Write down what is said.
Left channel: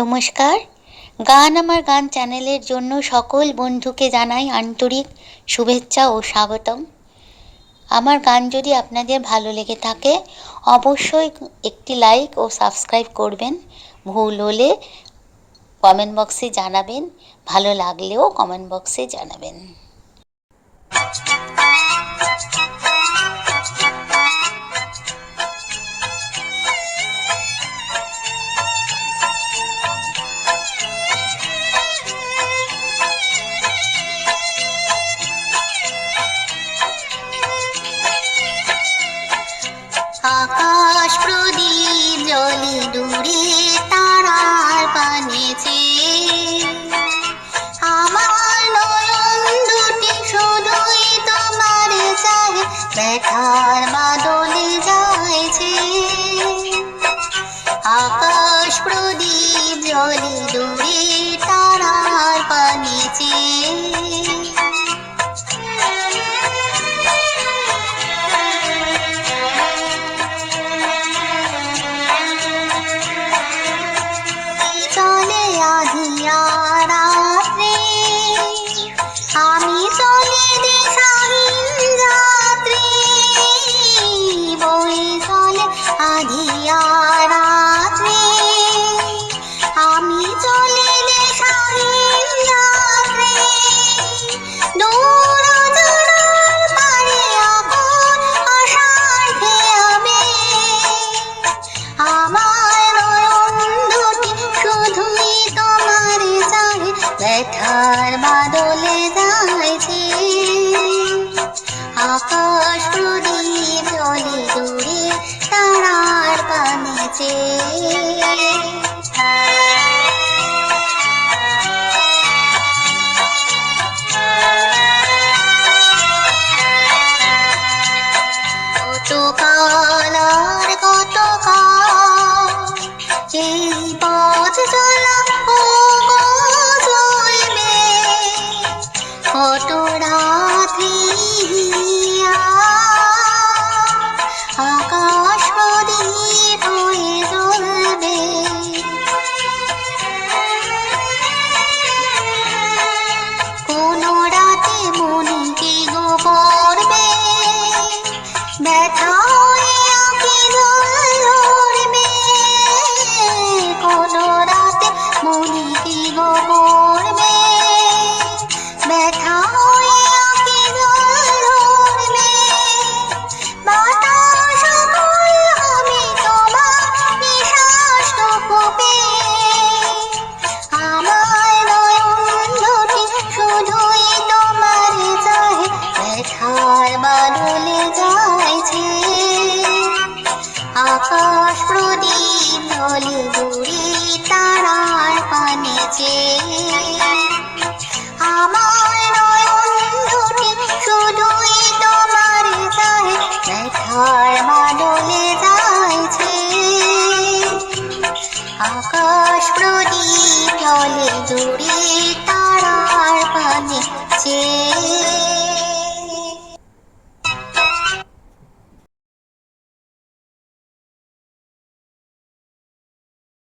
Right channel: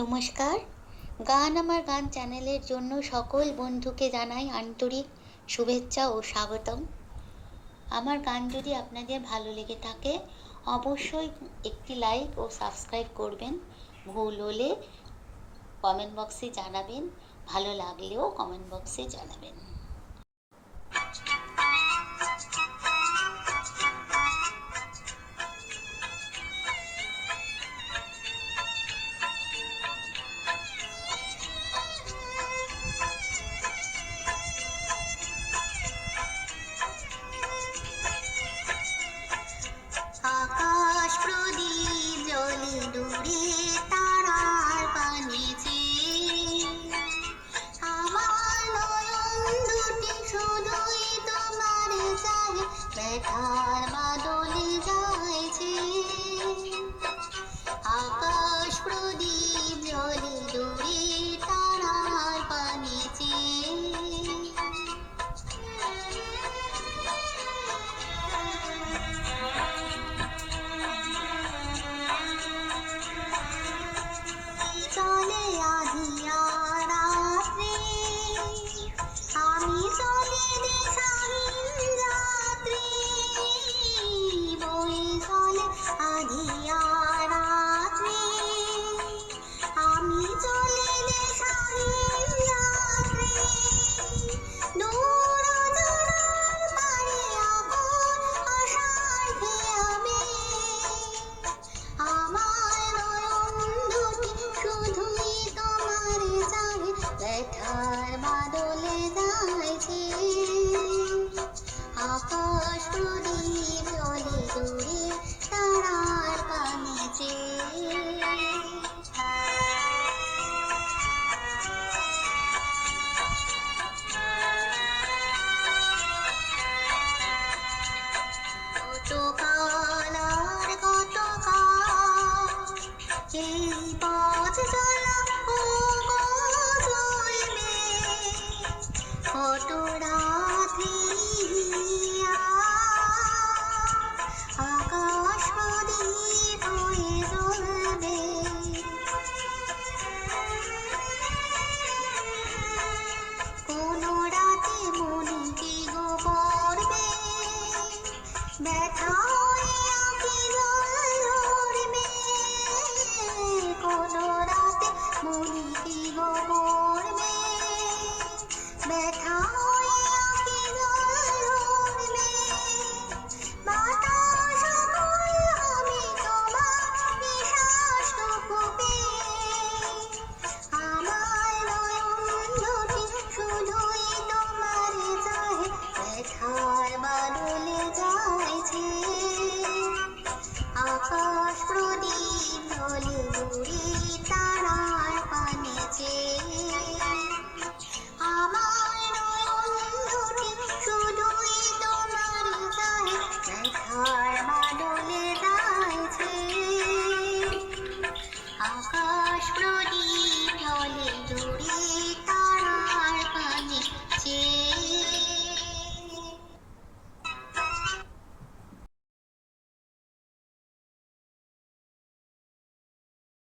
নমস্কার। গান আমার গান চ্যানেলের জন্য সকল বন্ধুকে জানাই আন্তরিক শুভেচ্ছা ও স্বাগতম। আমার গান যদি আপনাদের ভালো লেগে থাকে অবশ্যই একটি লাইক ও সাবস্ক্রাইব করবেন। ভুল হলে কমেন্ট বক্সে জানাবেন, ভালো লাগলেও কমেন্ট বক্সে জানাবেন। আকাশ প্রদীপ জ্বলে দূরে তারার পানেছে, আমার নয়ন দুটি শুধুই তোমার চাহে, ব্যথার বাদলে যাইছে। আকাশ প্রদীপ জ্বলে দূরে তারার পানেছে, চলে আধিয়া রাত্রে, আমি চলে দিশাহীন রাত্রে, বয়ে চলে আধিয়া রাত্রে, আমি চলে দিশাহীন রাত্রে, দূর অজানার পারে আপন আশার খেয়াবে, আমার নয়ন দুটি শুধুই তোমার চাহে, ব্যথার বাদলে যাইছে। আকাশ প্রদীপ জ্বলে দূরে তারার পানেছে। কতকাল আর কতকাল এই পথ চলা ও চলবে, কত রাত্রি আকাশ প্রদীপ হয়ে জ্বলবে। কোন রাতে মনে কি গো পড়বে, ব্যথা হয়ে আঁখি জল ধরবে, কোন রাতে মনে কি গো পড়বে, ব্যথা হয়ে আঁখি জল ধরবে, বাতাস ফুল হবে তোমার নিঃশ্বাসটুকু পেয়ে, আমার নয়ন দুটি শুধুই তোমার চাহে, ব্যথার বাদলে যাইছে। আকাশ প্রদীপ জ্বলে দূরে তারার পানেছে, আমার নয়ন দুটি শুধুই তোমার চাহে, ব্যথার বাদলে যাইছে। আকাশ প্রদীপ জ্বলে দূরে